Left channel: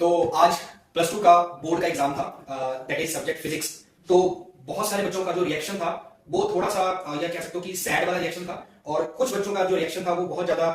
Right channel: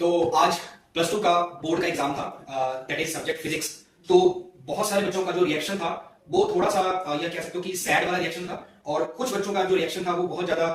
तो आज plus two का बोर्ड का एग्जाम था, दैट इज सब्जेक्ट फिजिक्स। तो बहुत सारे बच्चों का जो रिएक्शन था वो थोड़ा सा या कह सकते हो कि सैड वाला रिएक्शन था, और कुछ बच्चों का जो रिएक्शन था वो बहुत ज्यादा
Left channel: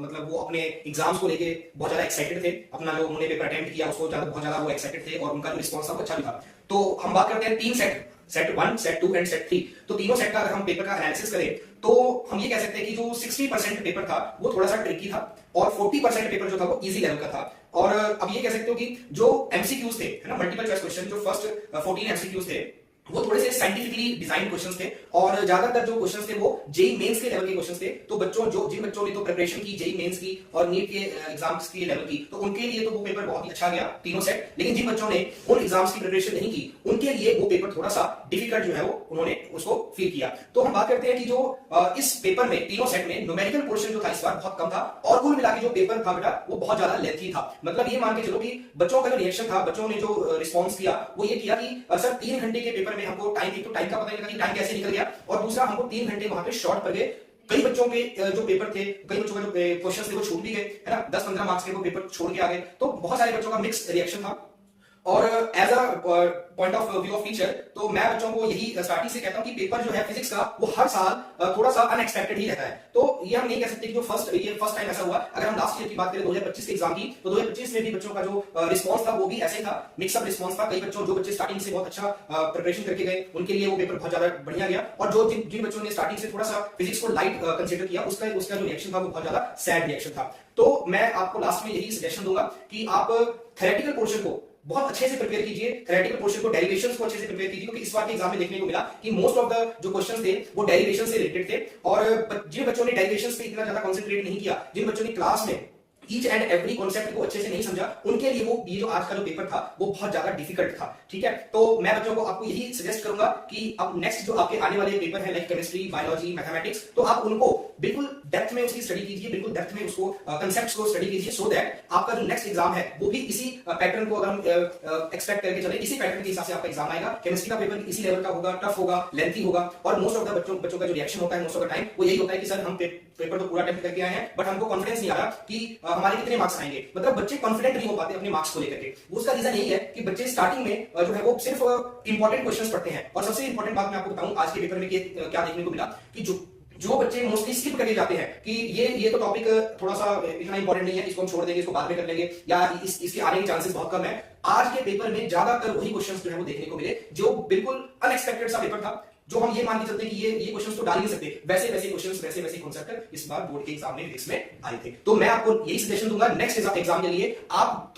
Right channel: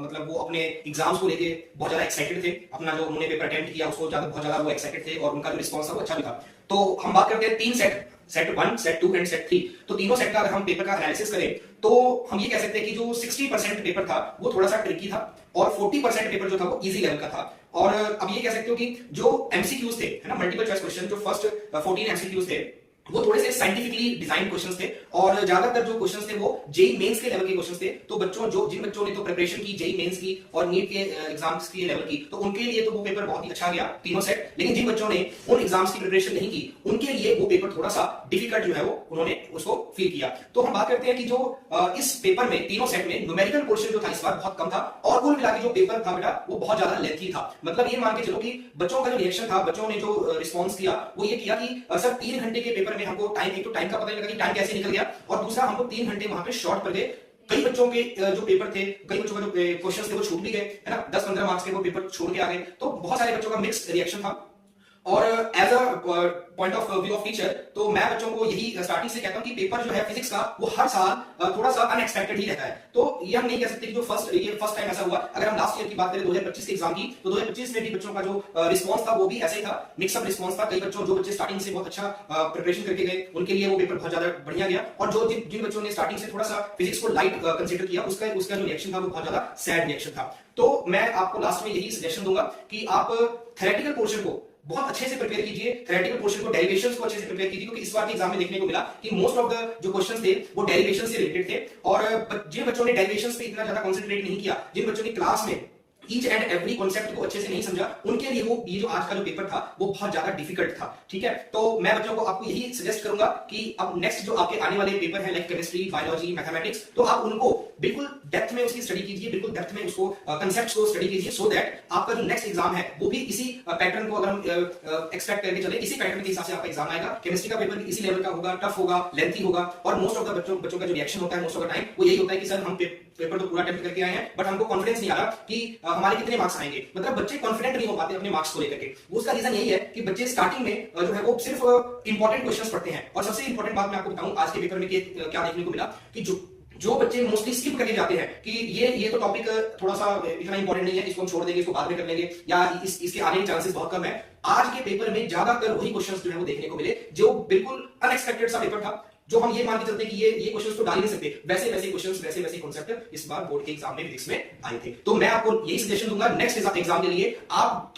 मतलब वो अपने एग्जाम्स को लेके बहुत ज्यादा एक्साइटेड थे। अपना जो उन्होंने पेपर अटेम्प्ट किया उसको ज्यादा बहुत ज्यादा वो एक्साइटेड थे, और उनका जो रिस्पॉन्स था वो अच्छा भी था। तो हम बात करते हैं तीन set, set 1, set 2 and set 3। तो तीनों सेट का अगर हम पेपर का एनालिसिस करें तो हम ये कह सकते हैं कि जो 60% पेपर था वो थोड़ा सा ट्रिकी था, और 40% पेपर जो था वो इजी लेवल का था। और अब ये कह सकते हो कि जो एमसीक्यूज थे, है ना, मल्टीपल चॉइस क्वेश्चन, जो फर्स्ट 14 एमसीक्यूज थे वो थोड़े से साइंटिफिकली डिजाइन क्वेश्चंस थे, और ज्यादातर जो क्वेश्चंस थे वो जेई मेंस के लेवल के क्वेश्चंस थे। तो जिन बच्चों ने तो प्रिपरेशन की जेई मेंस की और नीट के एग्जाम्स के लेवल की, तो उनके लिए तो वो पेपर बहुत ही अच्छा गया तीनों सेट। लेकिन जिन बच्चों ने उन एग्जाम्स की प्रिपरेशन नहीं की उनके लिए वो पेपर थोड़ा सा डिफिकल्ट जो है वो उन्होंने उसको फील किया। तो हम बात करते हैं कि जो इस पेपर में तीनों सेट में न्यूमेरिकल पोर्शन जो था इस बार बहुत कम था, और कुल मिला के जो पेपर था बेटा वो बहुत ज्यादा लेंथी था। मतलब ये मान के चलो कि बच्चों का जो रिएक्शन था, बच्चों ने जो रिस्पॉन्स किया वो ये किया कि सर 3 घंटे के पेपर में हमको टाइम का पता नहीं लगा कि टाइम कैसे निकल गया, और दूसरा हमको 3 घंटे वहां पे शॉर्ट पड़ गए। कई बच्चों के जो पेपर थे, कई बच्चों के जो क्वेश्चंस थे वो छूट भी गए, है ना, 10-15 मार्क्स के वो पेपर छोड़ के आ गए। तो बहुत सारे बच्चों का मिक्स्ड रिएक्शन था। और as a point of view of teacher, तो मैं बच्चों को यही स्टार्टिंग से कहता हूं कि पेपर जो है फिजिक्स का वो हर साल थोड़ा सा अनएक्सपेक्टेड ही रहता है। तो ये हम नहीं कह सकते कि जो फर्स्ट टाइम ऐसा हुआ। अगर हम लास्ट ईयर की बात करें 2025 के एग्जाम की, तो 2025 में भी बच्चों का जो रिस्पॉन्स था वो भी ऐसे ही था, मिक्सअप रिस्पॉन्स था। कई बच्चों जो बच्चे स्टार्टिंग से बहुत अच्छा प्रिपरेशन करके गए उनके लिए वो पेपर बहुत ज्यादा बढ़िया गया, और जो जिन बच्चों ने स्टार्टिंग से थोड़ा सा फिजिक्स को लाइट कंसिडर किया उसका जो रिएक्शन था वो बहुत ज्यादा सैड रिएक्शन था। तो मैं आपको लास्ट में यही सजेशन दूंगा कि आप थ्योरेटिकल पोर्शन को बहुत अच्छे से प्रिपेयर कीजिए, थ्योरेटिकल पोर्शन को, डेरिवेशंस को अच्छे से प्रिपेयर कीजिए, क्योंकि इस बार के एग्जाम में देखने को मिला कि मोस्ट ऑफ द जो क्वेश्चंस थे वो डेरिवेशन से रिलेटेड थे। और जिन बच्चों ने डेरिवेशंस पे इतना ज्यादा कंसंट्रेट नहीं किया, जिन बच्चों ने क्लास में ईच एंड एवरी कॉन्सेप्ट को अच्छे से नहीं समझा, उनके लिए वो ये जो आज का जो पेपर था वो बहुत ज्यादा डिफिकल्ट था। ठीक है, तो मैं बच्चों को आपको यही सजेस्ट करूंगा कि अब नेक्स्ट जो आपके आने वाले पेपर है लाइक केमिस्ट्री, बायोलॉजी, मैथमेटिक्स, तो आप उनको बिल्कुल डेप्थ में उसकी स्टडी कीजिए, बिल्कुल डेप्थ में उसको कंसेप्ट्स को स्टडी कीजिए, सो दैट आपका जो नेक्स्ट एग्जाम है वो भी इसी पैटर्न को अगर हम एक्सपेक्ट करके चले, इसी पैटर्न के हिसाब से आपका एग्जाम आएगा। केमिस्ट्री का पेपर इसी लेवल का होगा, टफ होगा, लेंथी होगा, और मोस्ट ऑफ द बच्चों का जो रिएक्शन होता है मोस्ट ऑफ द टाइम वो यही होता है कि सर हम पेपर तो पूरा अटेम्प्ट करके आए हैं बट हमको कॉन्फिडेंस नहीं आ रहा कि हमारे कितने मार्क्स आएंगे। मतलब बच्चे कॉन्फिडेंट नहीं हो पाते अपने मार्क्स को लेकर के। उसका रीजन यही है कि बच्चे स्टार्टिंग में जो है वो सिर्फ इंपॉर्टेंट क्वेश्चंस पढ़ते हैं। और सबसे इंपॉर्टेंट बात मैं आपको बताऊं आज के पेपर में क्या देखने को मिला कि जो बच्चे मोस्टली स्किप करके जाते हैं कि ये तो टॉपिक थोड़ा सा इतना इंपॉर्टेंट नहीं है, इसको हम छोड़ देंगे, इसको बाद में कर लेंगे, या इसके आने के चांसेस बहुत कम है। आज के पेपर में ज्यादातर वही क्वेश्चंस जो है वो देखने को मिले जो बिल्कुल अनएक्सपेक्टेड सा पेपर था, जो हम ये मान के चलते हैं कि ये क्वेश्चंस तो डाल ही नहीं सकते, वैसे क्वेश्चंस, वैसे कॉन्सेप्ट इस बार बोर्ड के एग्जाम में फिजिक्स में आए थे। तो मैं आपको यही सजेशन दूंगा नेक्स्ट एग्जाम के लिए आप